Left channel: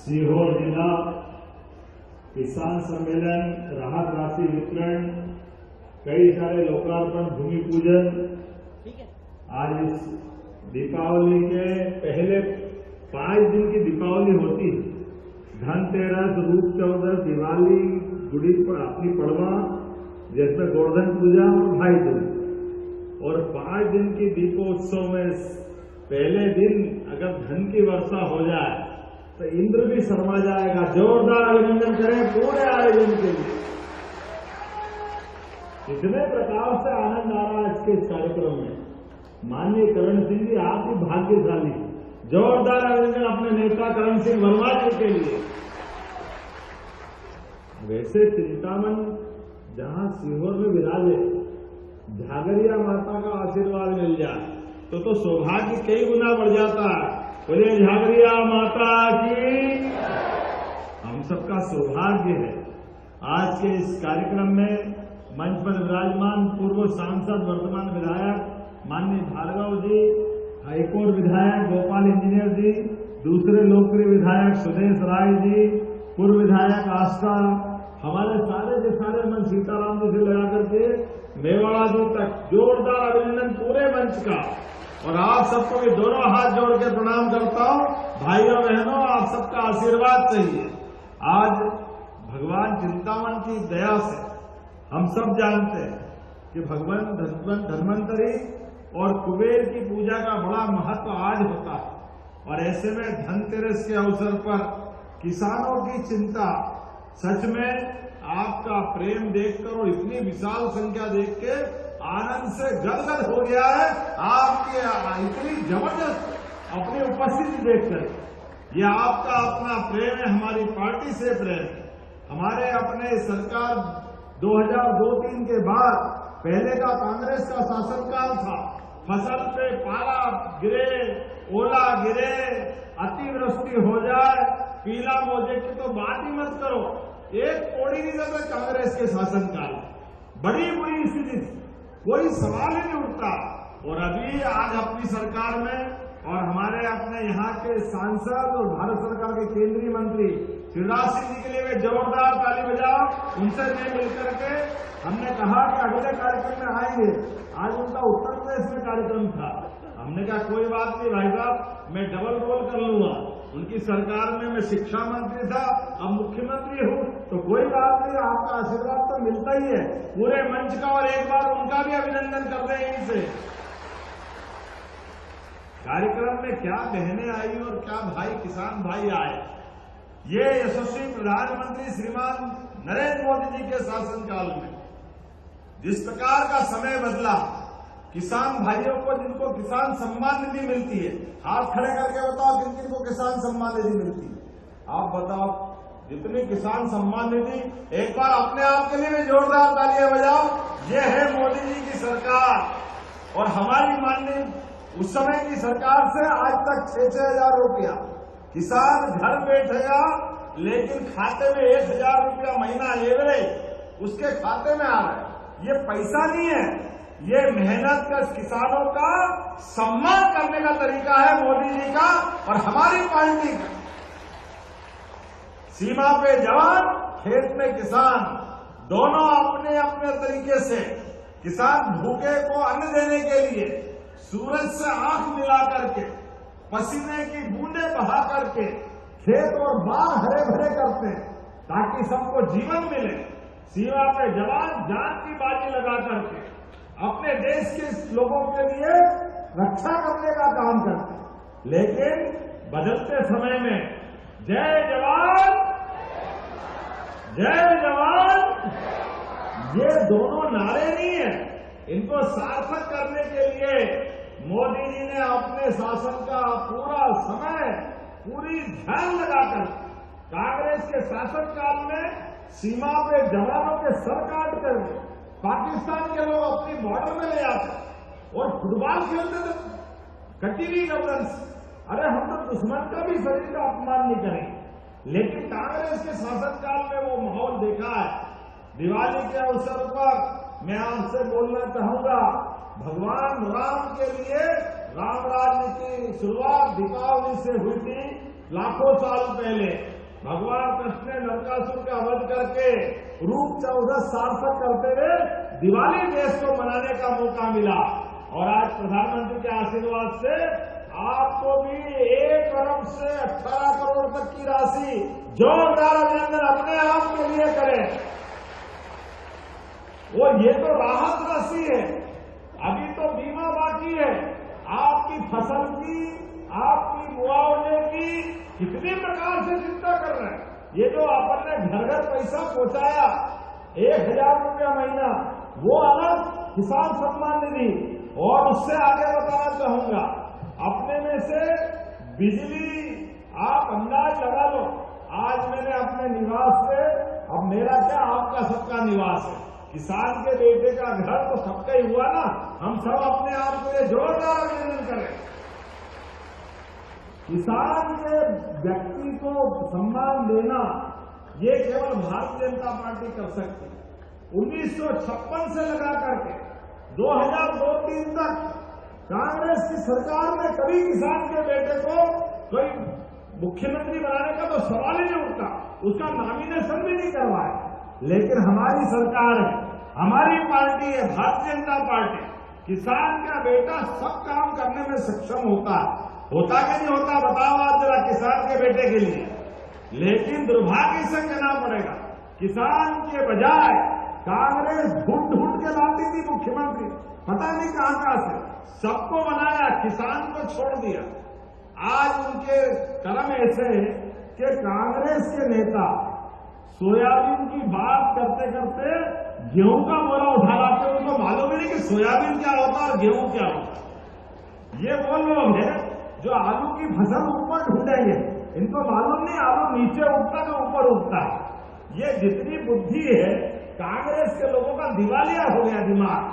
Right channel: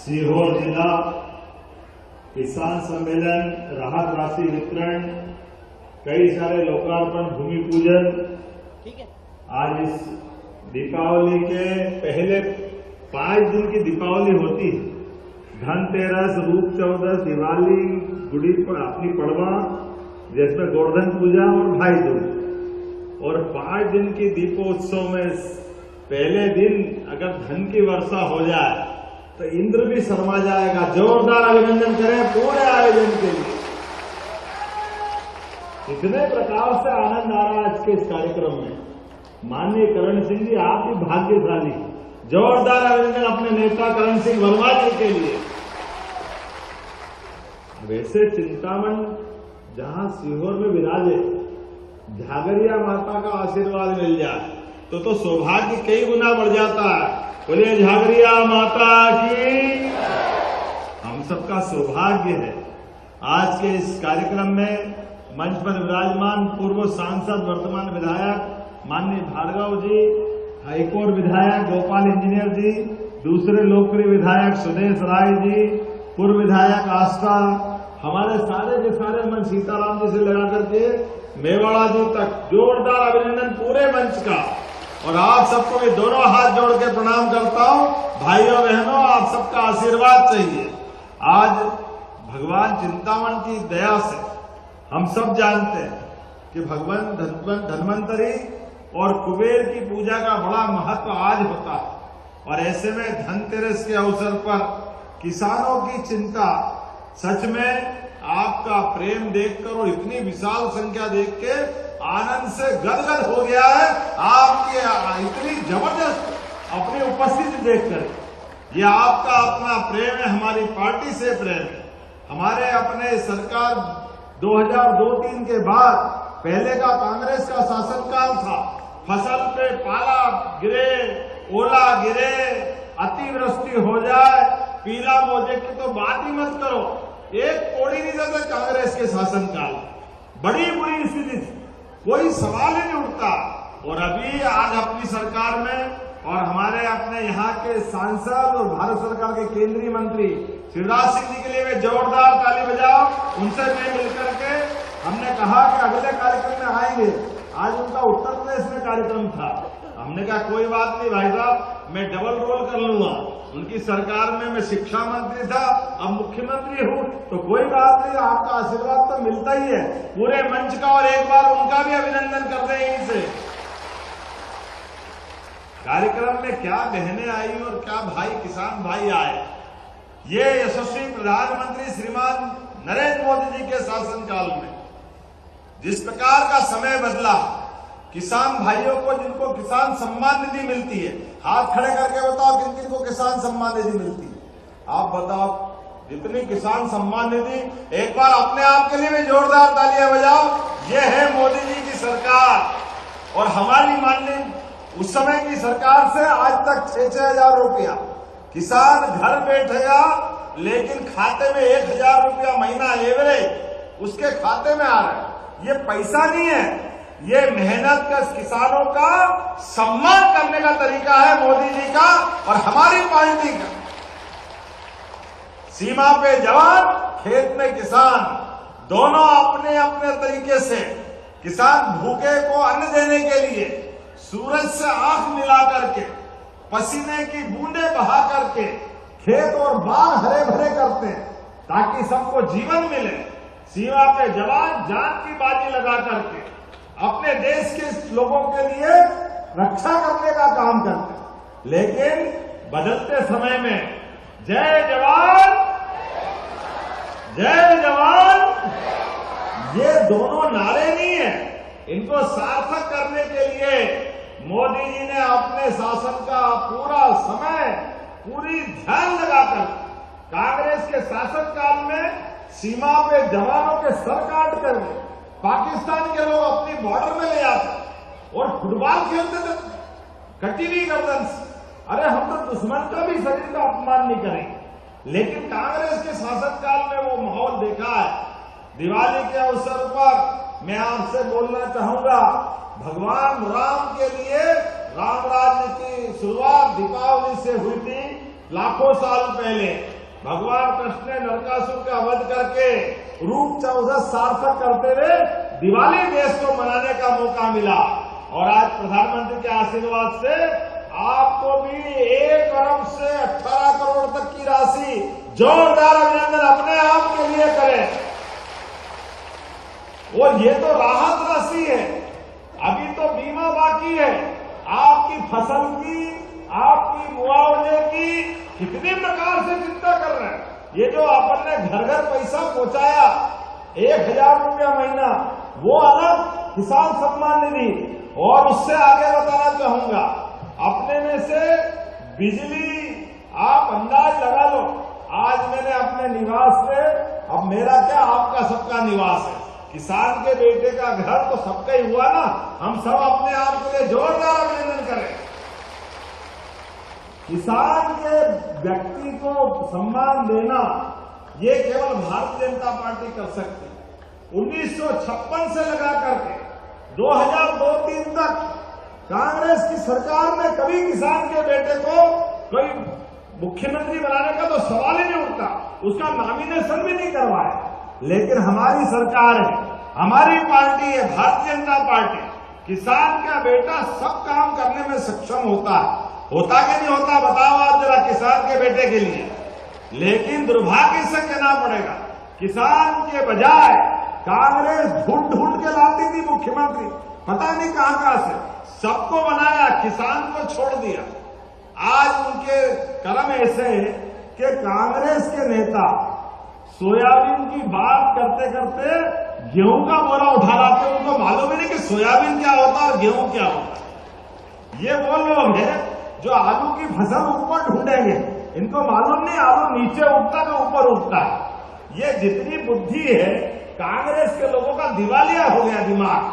सीहोर जिला किसान सम्मेलन, राहत राशि वितरण, कई सारे लोकार्पण, भूमि पूजन। आज इस दीपावली के पहले 5 दिन की दीपावली होती है। धनतेरस, रूप चौदस, दिवाली, गुड़ी अपनी पड़वा, जिसमें गोवर्धन पूजा और भाई दूज। और 5 दिन की दीपोत्सव में पहले दिन अगर धन की वर्षा हो जाए तो इंद्र भी शर्मा जाएगा। जोरदार अभिनंदन करें पूरे आयोजन के लिए। इतने प्रकार से आनंद आ रहा है आज के इस कार्यक्रम में। माननीय करण सिंह जी, आप भी भाग्यशाली। जोरदार अभिनंदन अपने नेता करण सिंह वर्मा जी के लिए। वैसे चिंतामण जहां सीहोर में विराजे, झागरिया माता का आशीर्वाद मिल जाए तो सौभाग्य कई गुना बढ़ जाता है। बोलिए झागरिया माता की। हम सबका सौभाग्य है आज के इस कार्यक्रम में मंच पर विराजमान पूर्व सांसद, वर्तमान विधायक माननीय भार्गव जी, हाईकोर्ट विधायक गोपाल इंजीनियर जी, दूसरे लोकप्रिय विधायक सुदेश राय जी, पूर्व विधायक आस्था, हमारे सारे के सारे मंच सीताराम जी से लगा करके मेवाड़ा जी तक जोरदार अभिनंदन पूरे मंच का। और आप सबको भी दोनों हाथ जोड़ के प्रणाम करता हूं। भाइयों बहनों, आप सबका आशीर्वाद चाहिए। आज भगवान चिंतामण की दया से हम सब जानते हैं कि भगवान धन्वंतरी और कुबेर की पूजा का बड़ा महत्व आज होता है। और ऐसे में धनतेरस के अवसर पर किसानों की चिंता, सच में आपका प्रेम देखकर और इतनी विशाल संख्या देख के आनंद से गदगद हो गया है। आपके इतनी जबरदस्त अपनी उपस्थिति देखकर ये आपका अपना प्रेम है, हमारी पार्टी से प्रेम है। हमारे अपने सरकार 2002-03 के बाद पहले का कांग्रेस का शासनकाल था। फसल पे पाला गिरे, ओला गिरे, अतिवृष्टि हो जाए, पीला मोजे की तो बात ही मत करो। एक कोड़ी नहीं देते कांग्रेस के शासनकाल। बड़ी बुरी स्थिति थी, कोई सवाल ही नहीं उठता। और अभी आज अपनी सरकार में और हमारे अपने यहाँ के सांसद और भारत सरकार के केंद्रीय मंत्री शिवराज सिंह जी के लिए वे जोरदार ताली बजाओ। उनसे मिलकर के हमने कहा कि अगले कार्यक्रम में आएंगे। आज उनका उत्तर प्रदेश में कार्यक्रम था। हमने कहा कोई बात नहीं भाई साहब, मैं डबल रोल कर लूंगा। उनकी सरकार में मैं शिक्षा मंत्री था, अब मुख्यमंत्री हूं, तो कोई बात नहीं, आपका आशीर्वाद तो मिलता ही है पूरे मंच का। और एक बार उनका भी अभिनंदन कर दें यहीं से। कार्यक्रम में क्या बहनें आई और क्या भाई, किसान भाई आए। ये यशस्वी प्रधानमंत्री श्रीमान नरेंद्र मोदी जी के शासनकाल में जिस प्रकार का समय बदला, किसान भाइयों को जिनको किसान सम्मान निधि मिलती है, हाथ खड़े करके बताओ किन किन को किसान सम्मान निधि मिलती है। आप बताओ जितनी किसान सम्मान निधि, एक बार अपने आप के लिए भी जोरदार तालियां बजाओ। ये है मोदी जी की सरकार। और हमारी माननीय उस समय की सरकार से आज तक 6-6 हजार रुपया किसान घर बैठेगा, लेकिन खाते में 1,000 रुपया महीना एवरेज उसके खाते में आ रहा है। ये पैसा नहीं है, ये मेहनत का किसानों का सम्मान करने का तरीका है मोदी जी का और हमारी पार्टी का। सीमा पे जवान, खेत में किसान, दोनों अपने अपने तरीके से किसान भूखे को अन्न देने के लिए सूरज से आंख मिला करके, पसीने की बूंदे बहा करके खेत और बाग हरे भरे करते हैं ताकि सबको जीवन मिले। सीमा पे जवान जान की बाजी लगा करके अपने देश के लोगों के लिए रक्षा करने का काम करते हैं। लेकिन बदलते समय में जय जवान जय जवान, ये दोनों नारे नहीं है। इनको सार्थक करने के लिए मोदी जी ने अपने शासन का पूरा समय, पूरी ध्यान लगाकर कांग्रेस के शासनकाल में सीमा पे जवानों के सर काट कर पाकिस्तान के लोग अपनी बॉर्डर में ले आते और फुटबॉल खेलते थे कटीली गर्दन से। अरे हम तो दुश्मन का भी शरीर का अपमान नहीं करेंगे। लेकिन कांग्रेस के शासनकाल में वो माहौल देखा है। दिवाली के अवसर पर मैं आपसे बोलना चाहूंगा, भगवान राम के लिए राम राज्य की शुरुआत दीपावली से हुई थी। लाखों साल पहले भगवान कृष्ण ने नरकासुर का वध करके रूप 14 सार्थक करते हुए दिवाली देश को मनाने का मौका मिला। और आज प्रधानमंत्री के आशीर्वाद से आपको भी 1 अरब से 18 करोड़ तक की राशि जोरदार अभिनंदन अपने आप के लिए करें। और ये तो राहत राशि है, अभी तो बीमा बाकी है। आपकी फसल की, आपकी मुआवजे की कितने प्रकार से चिंता कर रहे हैं। ये जो अपन ने घर घर पैसा पहुंचाया 1000 रुपया महीना, वो अलग किसान सम्मान निधि। और उससे आगे बताना चाहूंगा, अपने में से बिजली आप अंदाज लगा लो। आज मैंने अपने निवास पे, अब मेरा क्या आपका सबका निवास है, किसान के बेटे का घर तो सबका ही हुआ ना। हम सब अपने आप के लिए जोरदार अभिनंदन करें। किसान के व्यक्ति को सम्मान देना ये केवल भारतीय जनता पार्टी कर सकती है। 1956 से लगा करके 2002-3 तक कांग्रेस की सरकार ने कभी किसान के बेटे को कोई मुख्यमंत्री बनाने का तो सवाल ही नहीं उठता, उसका नॉमिनेशन भी नहीं करवाया। लेकिन हमारी सरकार है, हमारी पार्टी है भारतीय जनता पार्टी, किसान का बेटा सब काम करने में सक्षम होता है। होता कि नहीं होता बताओ आप जरा किसान के बेटे के लिए। लेकिन दुर्भाग्य से कहना पड़ेगा, किसान के बजाय कांग्रेस ढूंढ ढूंढ के लाती थी मुख्यमंत्री, पता नहीं कहां से, सबको बनाया, किसान को छोड़ दिया। आज उनके कर्म ऐसे कि कांग्रेस के नेता सोयाबीन की बात करते करते गेहूं का बोरा उठा लाते, उनको मालूम ही नहीं कि सोयाबीन क्या होता है और गेहूं क्या होता है। ये वो लोग हैं जो आलू की फसल ऊपर ढूंढेंगे, इनको मालूम नहीं आलू नीचे उठता तो ऊपर उठता है। ये जितनी बुद्धि है कांग्रेस के लोगों का दिवालिया हो गया दिमाग,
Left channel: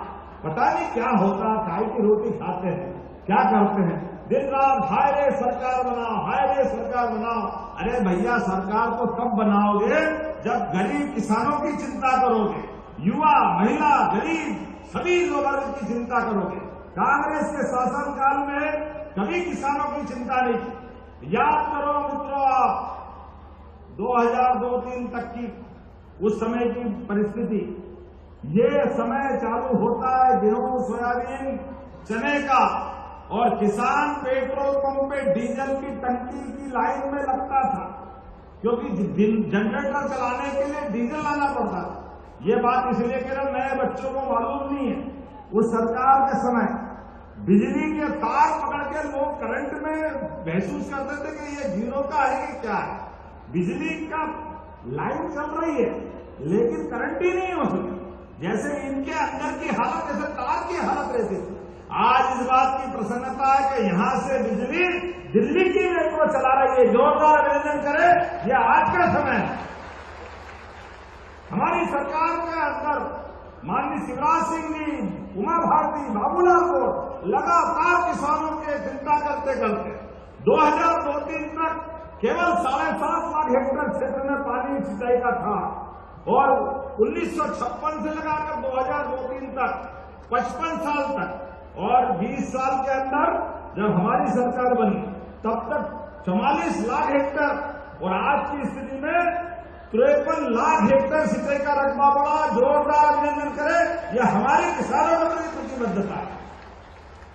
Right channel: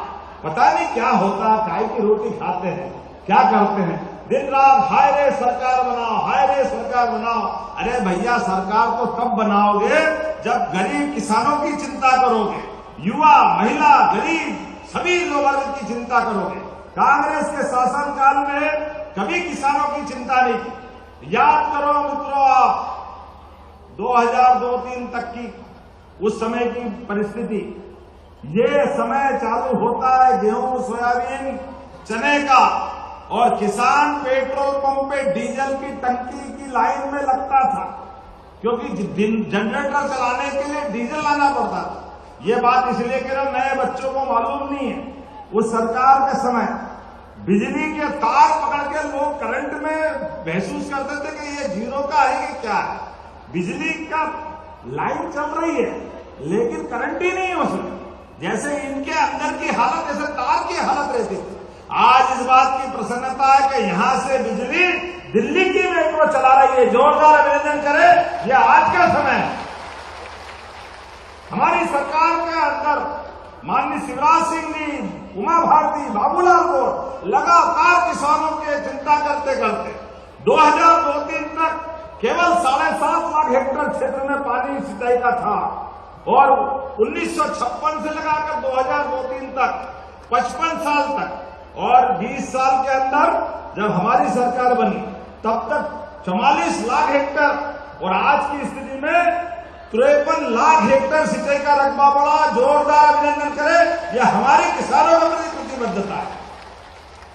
पता नहीं क्या होता है, काय की रोटी खाते हैं, क्या करते हैं, दिन रात हाय रे सरकार बनाओ, हाय रे सरकार बनाओ। अरे भैया सरकार तो तब बनाओगे जब गरीब किसानों की चिंता करोगे, युवा, महिला, गरीब सभी लोगों की चिंता करोगे। कांग्रेस के शासनकाल में कभी किसानों की चिंता नहीं की। याद करो मित्रों आप 2002-3 तक की उस समय की परिस्थिति, ये समय चालू होता है गेहूं, सोयाबीन, चने का, और किसान पेट्रोल पंप पे डीजल की टंकी की लाइन में लगता था, क्योंकि जनरेटर चलाने के लिए डीजल लाना पड़ता था। ये बात इसलिए कह रहा हूं, नए बच्चों को मालूम नहीं है। उस सरकार के समय बिजली के तार पकड़ के लोग करंट में महसूस करते थे कि ये जीरो का है कि क्या है। बिजली का लाइन चल रही है लेकिन करंट ही नहीं है उसमें, जैसे इनके अंदर की हालत ऐसे तार की हालत रहती थी। आज इस बात की प्रसन्नता है कि यहां से बिजली दिल्ली की मेट्रो चला रही है, जोरदार अभिनंदन करें। यह आज का समय है। हमारी सरकार के अंदर माननीय शिवराज सिंह जी, उमा भारती, बाबूलाल को लगातार किसानों की चिंता करते करते 2002-3 तक केवल 7.5 लाख हेक्टेयर क्षेत्र में पानी सिंचाई का था, और 1956 से लगाकर 2002-3 तक 55 साल तक, और 20 साल के अंदर जब हमारी सरकार बनी तब तक 44 लाख हेक्टेयर, और आज की स्थिति में 53 लाख हेक्टेयर सिंचाई का रकबा बढ़ा। जोरदार अभिनंदन करें, यह हमारे किसानों के प्रति प्रतिबद्धता है।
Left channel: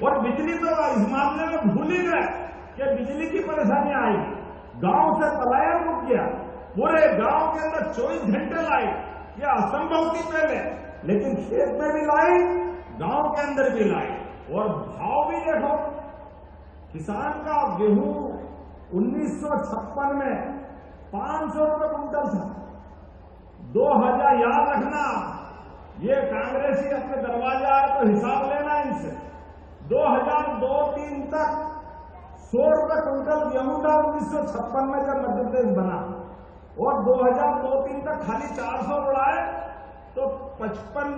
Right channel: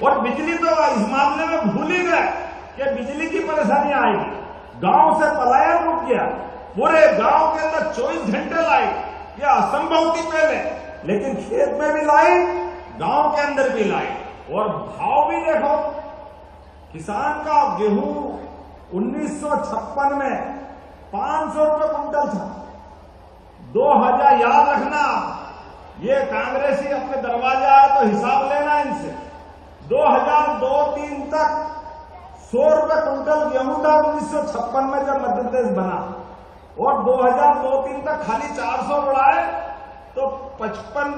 और बिजली तो इस मामले में भूल ही गए कि बिजली की परेशानी आएगी। गांव से पलायन रुक गया, पूरे गांव के अंदर 24 घंटे लाइट, यह असंभव थी पहले, लेकिन खेत में भी लाइट, गांव के अंदर भी लाइट। और भाव भी देखो, किसान का गेहूं 1956 में 500 रुपये कुंटल था। 2000 याद रखना, ये कांग्रेसी अपने दरवाजे आए तो हिसाब लेना इनसे। 2002-3 तक 100 रुपये कुंटल गेहूं था 1956 में जब मध्य प्रदेश बना, और 2002-3 तक खाली 400 बढ़ाए तो 55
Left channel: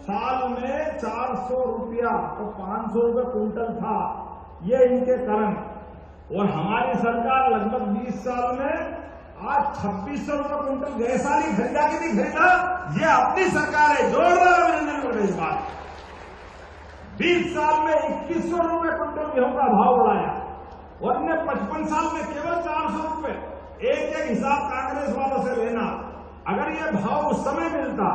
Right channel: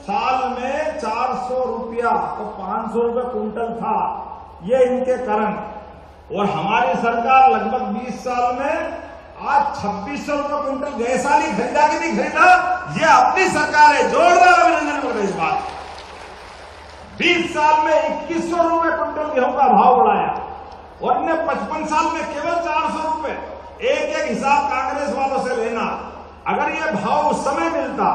साल में 400 रुपया, तो 500 रुपये कुंटल था। ये इनके कारण। और हमारी सरकार लगभग 20 साल में आज 2600 रुपये कुंटल गए साल ही खरीदा कि नहीं खरीदा, ये अपनी सरकार है। जोरदार अभिनंदन करो इस बात। 20 साल में 2100 रुपये कुंटल गेहूं का भाव बढ़ाया, और इन्हें 55 साल में केवल 400 हिसाब कांग्रेस वालों से लेना। अगर ये भाव उस समय मिलता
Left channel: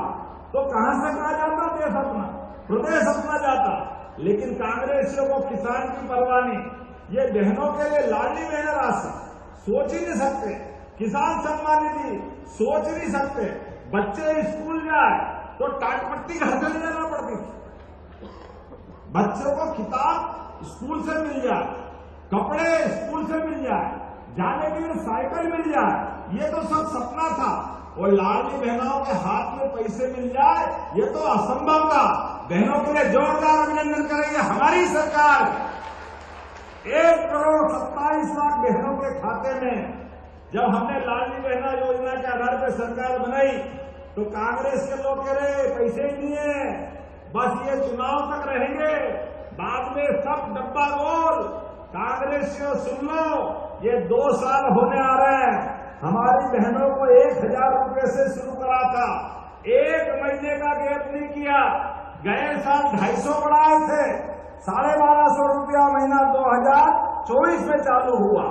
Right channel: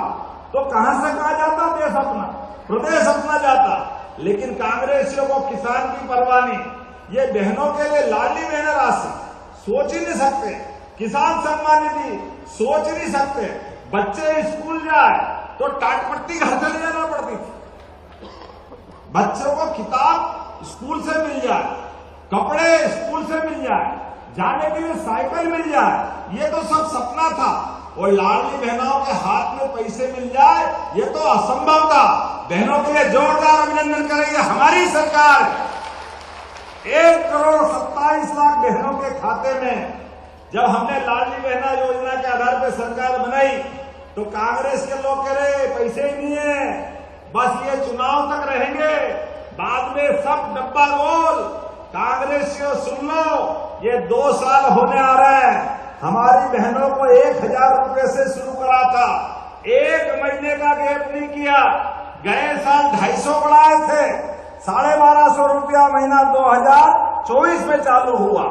तो कहां से कहा जाता देश अपना, प्रदेश अपना जाता। लेकिन कांग्रेसियों को किसान की परवाह नहीं, ये बहनों के लिए लाडली बहन राशि सोच ही नहीं सकते, किसान सम्मान निधि सोच ही नहीं सकते। बच्चे स्कूल जाए तो टाटपट्टी घर से ले जाना पड़ती थी, बच्चों को किताब स्कूल से मिल जाए, कपड़े स्कूल से मिल जाए, जाने के लिए साइकिल मिल जाए, ये तो सब सपना था। और लाडली बहनों के हाथ में पैसे मिल जाए, ये तो असंभव था। बहनों के लिए जोरदार अभिनंदन करेंगे हमारी सरकार। 1,27,00,000 बहनों के खाते में जब हमने लाडली बहना योजना के आधार पर सरकार बनाई तो कांग्रेस के लोग कह रहे पैसे ही नहीं है, बस ये चुनाव तक रहेंगे, बाद में सब डब्बा गोल। कांग्रेसियों सुन लो, ये 2 साल होने आ रहे हैं, हमारी बहनों को 1,000 रुपए से शुरू करा था, 1 महीने का गैप नहीं किया। गए साल 250 बढ़ाए थे, 1,250 रुपया महीना 2024 में चालू हुआ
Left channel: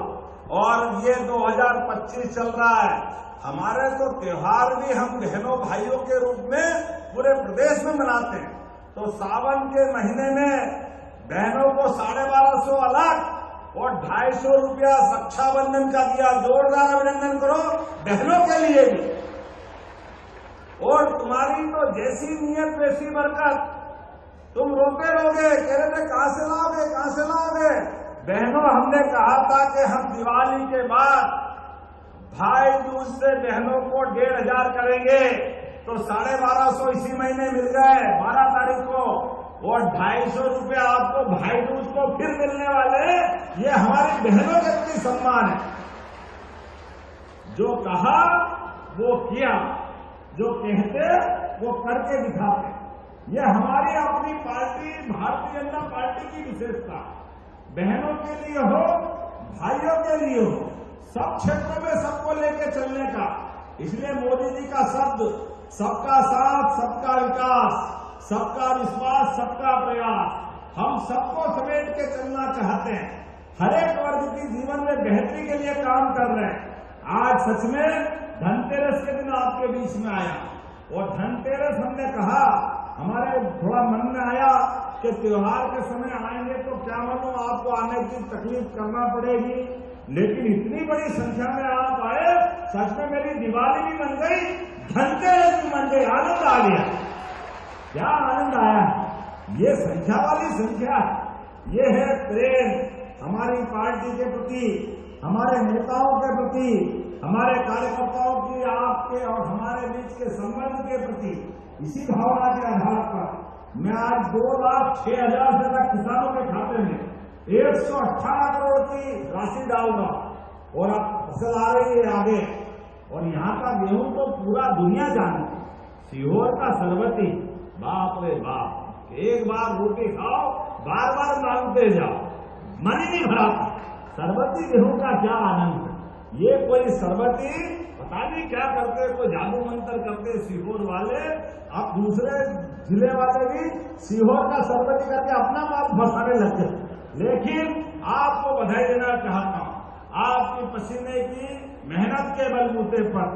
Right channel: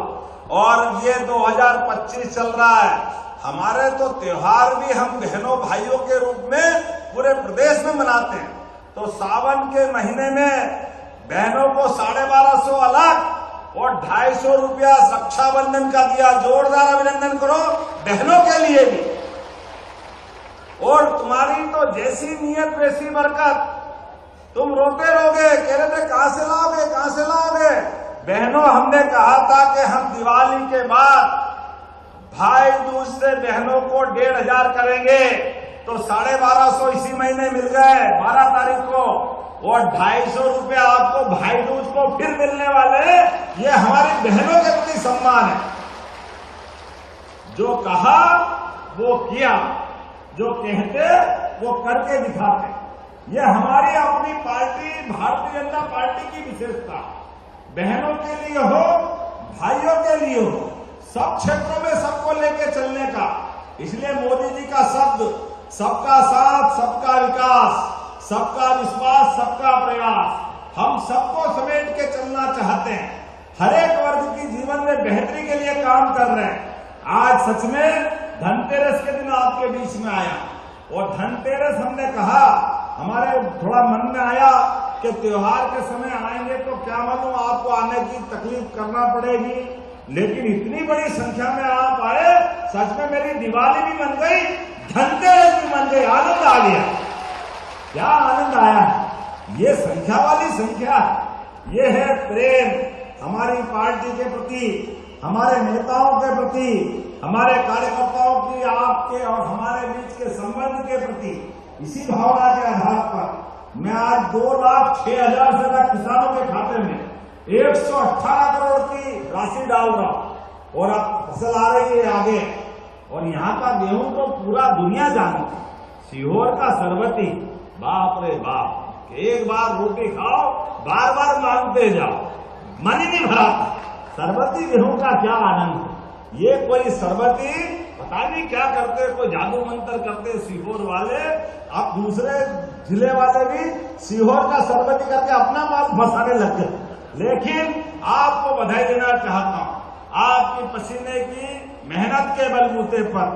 और ये 2025 चल रहा है। हमारे तो त्योहार भी हम बहनों भाइयों के रूप में पूरे प्रदेश में मनाते हैं। तो सावन के महीने में बहनों को 1,250 अलग और 250 रुपया रक्षाबंधन का दिया। जोरदार अभिनंदन करो बहनों के लिए भी। और तुम्हारी तो जैसी नियत वैसी बरकत, तुम रोते रहोगे, कह रहे थे कहां से लाओगे, कहां से लाओगे। बहनों, हमने कहा था कि हम दिवाली के बाद भाई दूज से बहनों को 1,500 करेंगे, तो 1,250 इसी महीने मिल गए 12 तारीख को, और 250 रुपया आपको भाई दूज को फिर मिलने वाले। ये हमारी बहनों के प्रति सम्मान है। जो कहा वो किया, जो कहते वो करके दिखाते। ये हमारी अपनी पार्टी भारतीय जनता पार्टी की विशेषता। बहनों के लिए हो, भाइयों के लिए हो, सब क्षेत्रों में सबको लेके चलने का। इसलिए मोदी जी का शब्द सबका साथ, सबका विकास, सबका विश्वास, सबका प्रयास, हम सबको समेट के चलना चाहते हैं। हर एक वर्ग की जीवन में बेहतरी के लिए काम कर रहे हैं। आज सच में धनतेरस के दिन आपके बीच में आया, और धनतेरस हमने कहा, हमारे थोड़ा मन में आया कि त्योहार के समय आएंगे तो क्या मालूम आपको आने की तकलीफ करना पड़ेगी, लेकिन इतनी बड़ी संख्या में आप आए, सच में मेरी दिवाली भी बन गई, धनतेरस भी बन गई, आनंद आ गया। क्या आनंद आया। ये संख्या वाली संख्या, ये है प्रेम हमारी पार्टी के प्रति, हमारे नेताओं के प्रति, हमारे कार्यकर्ताओं की, आपके और हमारे बीच के संबंध के प्रति। इसी भावना के आधार पर मैं आज 2,06,000 से ज्यादा किसानों के खाते में 118 करोड़ की राशि डाल रहा हूं। और अब फसल आ रही है आगे, और यहाँ का गेहूं तो पूरा दुनिया जानती है। सीहोर का सरबती, बाप रे बाप, एक बार रोटी खाओ, बार बार मांगते जाओ, मन ही नहीं भराता। सरबती गेहूं का क्या आनंद है। ये कोई सरबती पता नहीं क्या करते, कोई जादू मंत्र करते सीहोर वाले। अब दूसरे जिले वाले भी सीहोर का सरबती करके अपना माल फंसाने लग गए। लेकिन आपको बधाई देना चाहता हूं, आपकी पसीने की मेहनत के बलबूते पर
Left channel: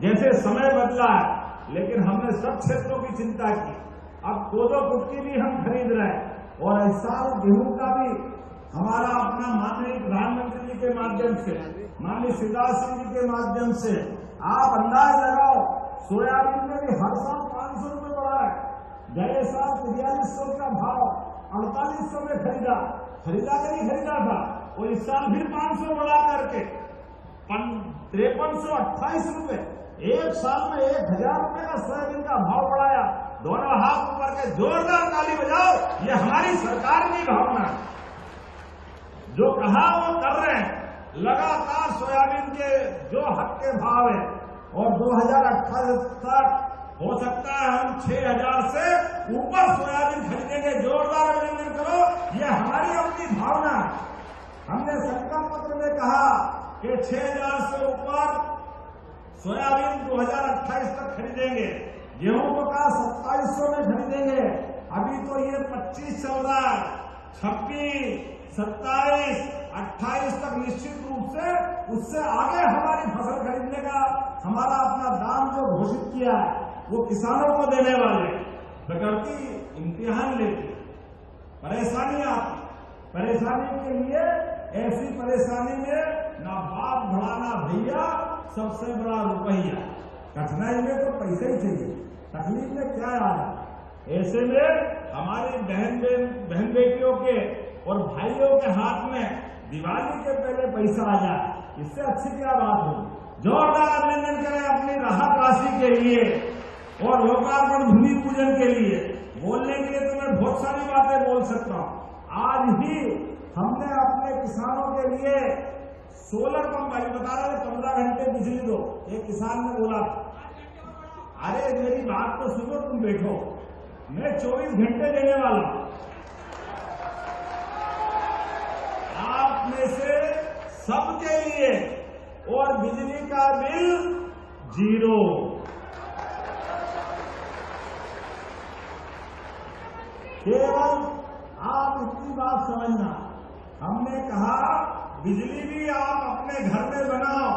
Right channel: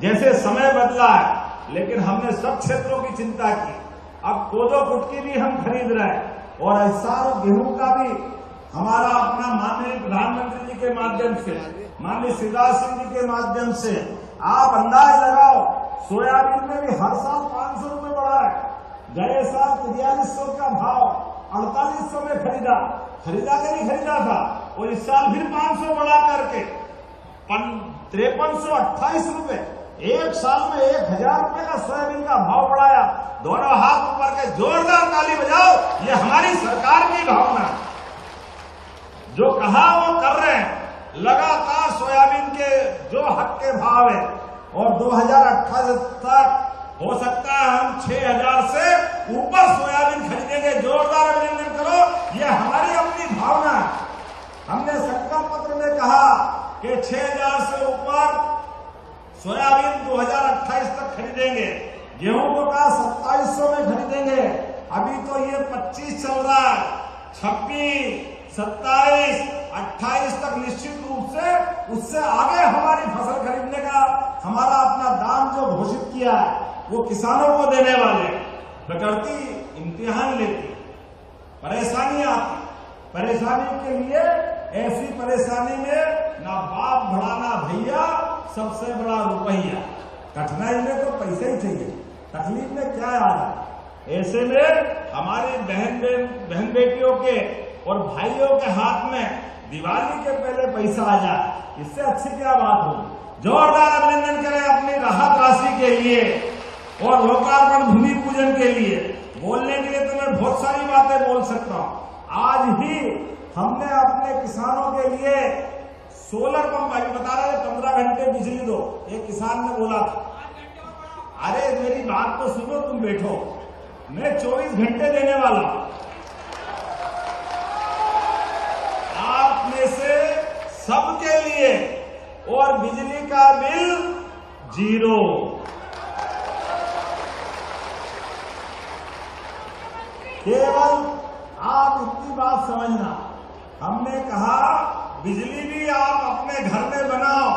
जैसे समय बदला है, लेकिन हमने सब क्षेत्रों की चिंता की। अब कोदो कुटकी भी हम खरीद रहे हैं, और ऐसा गेहूं का भी हमारा अपना माननीय प्रधानमंत्री जी के माध्यम से, माननीय शिवराज सिंह जी के माध्यम से आप अंदाज लगाओ, सोयाबीन में भी हर साल 500 रुपए बढ़ा है। गए साल 4300 का भाव 4800 में खरीदा के नहीं खरीदा था, और इस साल फिर 500 बढ़ा करके 5328 रुपए। एक साल में 1,000 रुपए का सोयाबीन का भाव बढ़ाया। दोनों हाथ ऊपर के जोरदार ताली बजाओ, ये हमारी सरकार की भावना है। जो कहा वो कर रहे हैं। लगातार सोयाबीन के जो हक के भाव है, और 2028 तक हो सकता है हम 6,000 से ऊपर सोयाबीन खरीदेंगे। जोरदार अभिनंदन करो, ये हमारी अपनी भावना है। हमने संकल्प पत्र में कहा कि 6,000 से ऊपर सोयाबीन 2028 तक खरीदेंगे। गेहूं को कहा 2700 में खरीदेंगे। अभी तो ये 25 चल रहा है, 26, 27, 28 तक निश्चित रूप से उससे आगे हमारी फसल खरीदने का हमारा अपना दाम जो घोषित किया है वो किसानों को देने वाले बकरती इम्तिहान लेती, परेशानी आती। परेशानी के लिए ऐसी परेशानी में ना बाप बड़ा ना भैया, सबसे बड़ा रुपया। कठिनाई में तो पैसे ही चाहिए, तकलीफ में क्या आ रहा है। ऐसे में हमारी बहन बेटियों के और भाइयों के हाथ में दिवाली के पहले पैसा आ जाए, इससे अच्छी क्या बात होगी। जोरदार अभिनंदन करें अपनी राहत राशि के लिए और लोकार्पण भूमि पूजन के लिए। बोलने के लिए तो मैं बहुत सारी बातें बोल सकता हूँ। आज ही हमने अपने किसानों के लिए सोलर पंप, भाई बता रहे 15 घंटे बिजली दो, एक किसान ने बोला था। अरे मेरी बात तो सुनो, तुम बैठो, मैं 24 घंटे देने वाला हूं। आप में से सबके लिए, और बिजली का बिल 0। केवल आप इतनी बात समझना, हमने कहा बिजली भी आप अपने घर में बनाओ।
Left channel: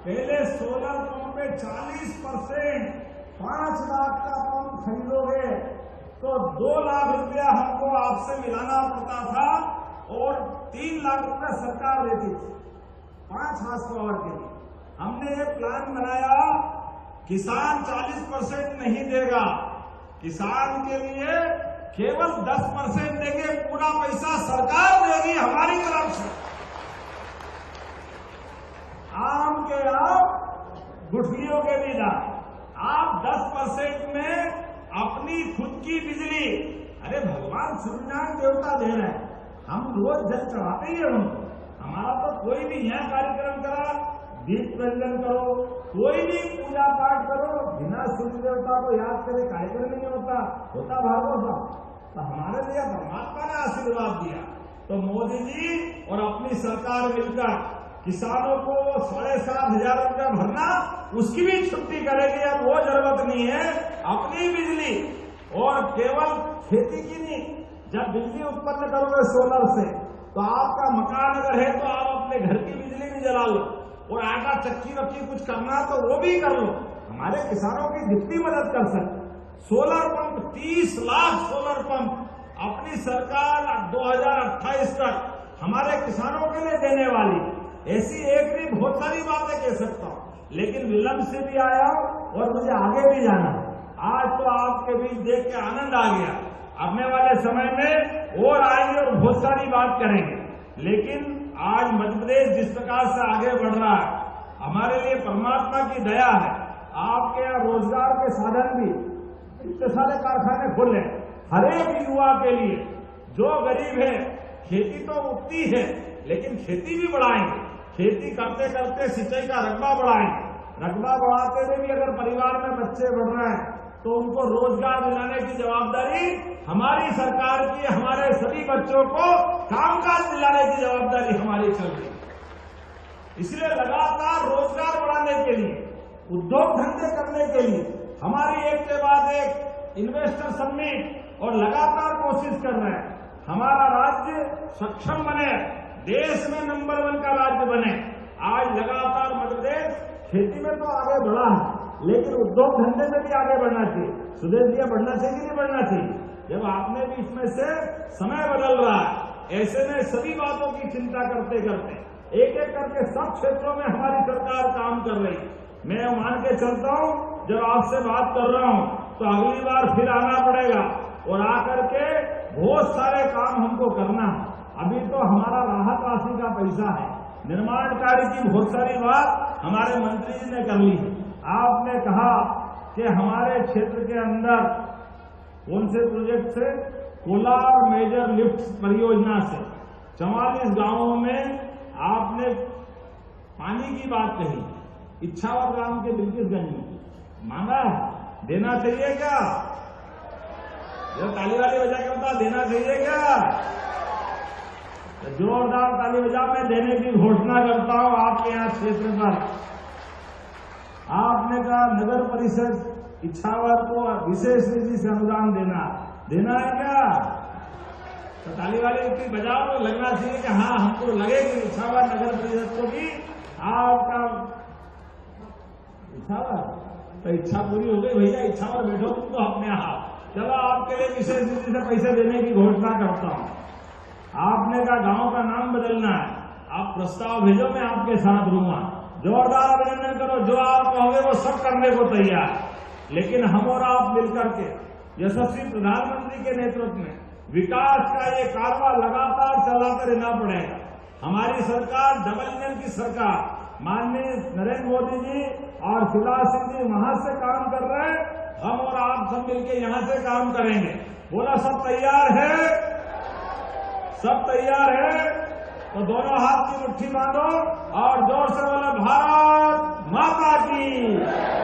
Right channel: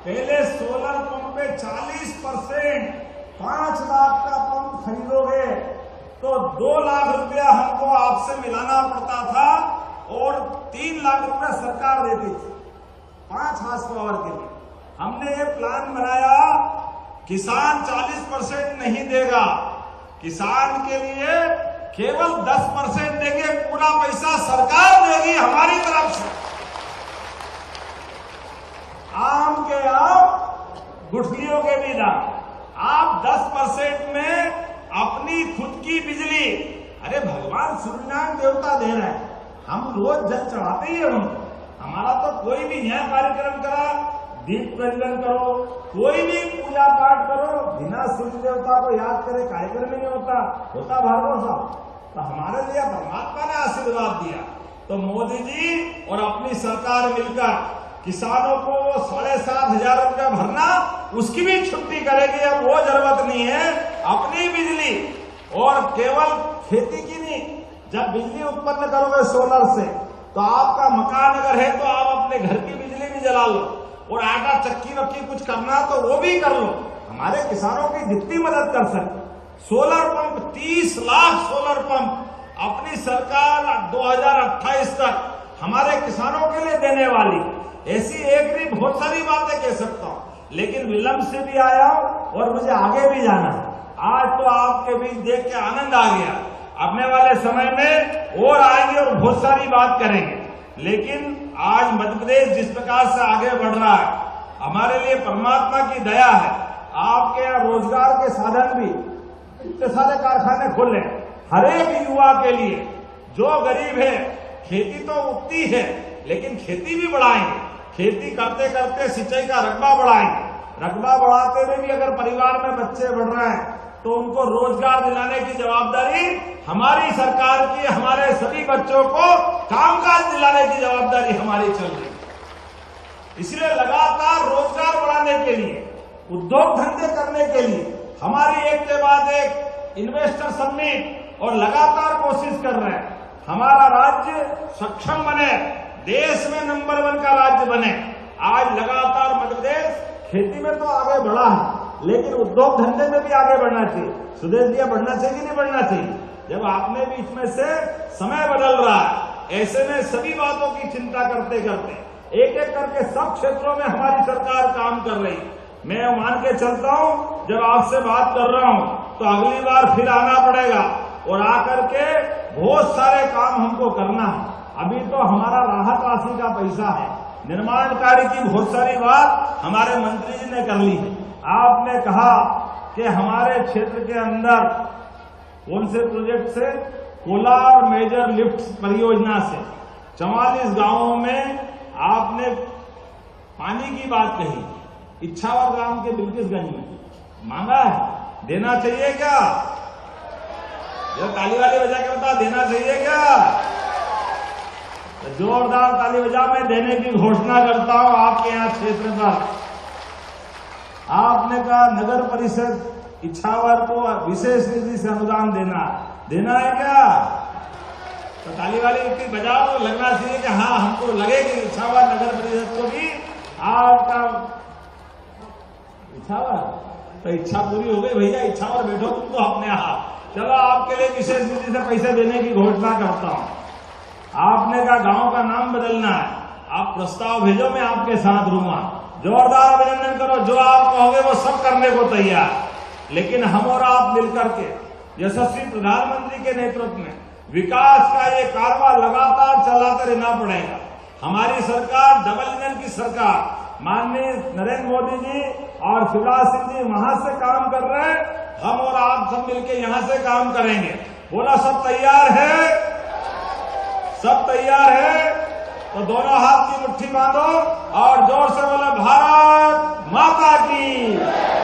पहले सोलर पंप पे 40%, 5 लाख का पंप खरीदोगे तो 2 लाख रुपया हमको आपसे मिलाना पड़ता था और 3 लाख रुपया सरकार देती थी 5 हार्स पावर के लिए। हमने ये प्लान बनाया, किसान 40% नहीं देगा, किसान के लिए केवल 10% देंगे, पूरा पैसा सरकार देगी हमारी तरफ से। आम के आम, गुठलियों के भी दाम। आप 10% में अपनी खुद की बिजली, अरे भगवान सूर्यनारायण देवता दे रहे हैं, हम रोज जल चढ़ाते ही है उनको। हमारा तो कोई भी यहाँ कार्यक्रम करा, दीप प्रज्वलन करो, कोई भी पूजा पाठ करो, बिना सूर्य देवता को याद करे कार्यक्रम नहीं होता भार्गव साहब। तो हमारे लिए परमात्मा ने आशीर्वाद दिया। तो मोदी जी और अपनी सरकार मिलकर किसानों को 7,500 रुपया भरना, उसकी भी छुट्टी करेगी। अब वो जरूरत नहीं है, अपनी बिजली, और केवल खेती की नहीं, जब बिजली उत्पन्न करोगे सोलर से तो आपका मकान अगर है तो आप अपने घर की बिजली भी जला लो, और आटा चक्की वक्की कुछ करना तो वो भी कर लो। हमारे किसानों की जितनी मदद कर सकते। Solar pump 30 lakh solar pump अपनी सरकार 2028 तक हमारे किसानों के लिए देने वाली। ऐसी एक भी बहुत सारी बातें कह सकता हूँ, लेकिन विलंब से भी आया हूं और मुझे आगे भी जाना है। आज तो आपके बीच देख के आनंद आ गया, आने वाले समय में और आएंगे और बहुत सारी बात करेंगे। लेकिन आज मध्य प्रदेश जिस प्रकार से आगे बढ़ रहा है, हमारे लिए परमात्मा की दया है। आपके यहाँ रोजगार के साधन भी, इतने सारे कारखाने खोल रहे हैं हर एक युवा के लिए। जो गरीब है, खेती तो उगती है लेकिन खेती भी बढ़ाएंगे, खेती करते करते सिंचाई का रकबा बढ़ाएंगे। रकबा बढ़ाते हुए भी अगर परिवार में बच्चे बढ़ रहे हैं तो उनको रोजगार दिलाने की जवाबदारी हमारी सरकार की, हमारे सभी बच्चों को कामकाज दिलाने की जवाबदारी हमारी चल रही है। इसलिए लगातार रोजगार बढ़ाने के लिए, उद्योग धंधे करने के लिए हमारी एक के बाद एक इन्वेस्टर समिट और लगातार कोशिश कर रहे हैं। हमारा राज्य सक्षम बने, देश में नंबर 1 का राज्य बने। आज लगातार मध्य प्रदेश खेती में तो आगे बढ़ा है, लेकिन उद्योग धंधे में भी आगे बढ़ना चाहिए। सुदेश जी, बढ़ना चाहिए कि नहीं बढ़ना चाहिए? जब आपने भी इसमें से समय बदल रहा है, ऐसे में सभी बातों की चिंता करते करते एक एक करके सब क्षेत्रों में हमारी सरकार काम कर रही है। मैं मान के चलता हूं, जब आपसे बात कर रहा हूं तो अगली बार फिर आना पड़ेगा और आकर के बहुत सारे काम हमको करना है। अभी तो हमारा राहत राशि का पैसा है, निर्माण कार्य की बहुत सारी बात हमारे मंत्री जी ने कर ली है। आपने कहा कि हमारे क्षेत्र के अंदर कौन से प्रोजेक्ट से, कोलार मेजर लिफ्ट परियोजना से 44 गांवों में आपने पानी की बात कही। इच्छावर ग्राम के बिल्किसगंज में मांगा है, देना चाहिए क्या? जो ताली वाली बजा के बता, देना चाहिए क्या? तो जोरदार ताली बजा, मैं देने की घोषणा करता हूं आपके यहाँ क्षेत्र पर। आपने कहा नगर परिषद इच्छावर को विशेष निधि से अनुदान देना है क्या? तो ताली वाली इतनी बजाओ, लगना चाहिए कि हाँ हमको लगेगी इच्छावर नगर परिषद को भी इच्छावर, तो इच्छा पूरी हो गई भैया, इच्छावर बैठो तुम तो अपने आप। चलो आपके लिए विशेष नीति से पैसे देने की घोषणा करता हूं। आपने कहा गांव का नाम बदलना है, आप प्रस्ताव भेजो, मैं आपके साथ रहूंगा। जोरदार अभिनंदन करो, जो आप कहोगे वो सब करने को तैयार। लेकिन हम और आप मिलकर के यशस्वी प्रधानमंत्री के नेतृत्व में विकास का ये कारवां लगातार चलाते रहना पड़ेगा। हमारी सरकार डबल इंजन की सरकार, माननीय नरेंद्र मोदी जी और शिवराज सिंह जी वहां से काम कर रहे हैं, हम और आप सब मिलकर यहां से काम करेंगे। बोला सब तैयार है? सब तैयार है? तो दोनों हाथ की मुट्ठी बांधो और जोर से बोलो भारत माता की।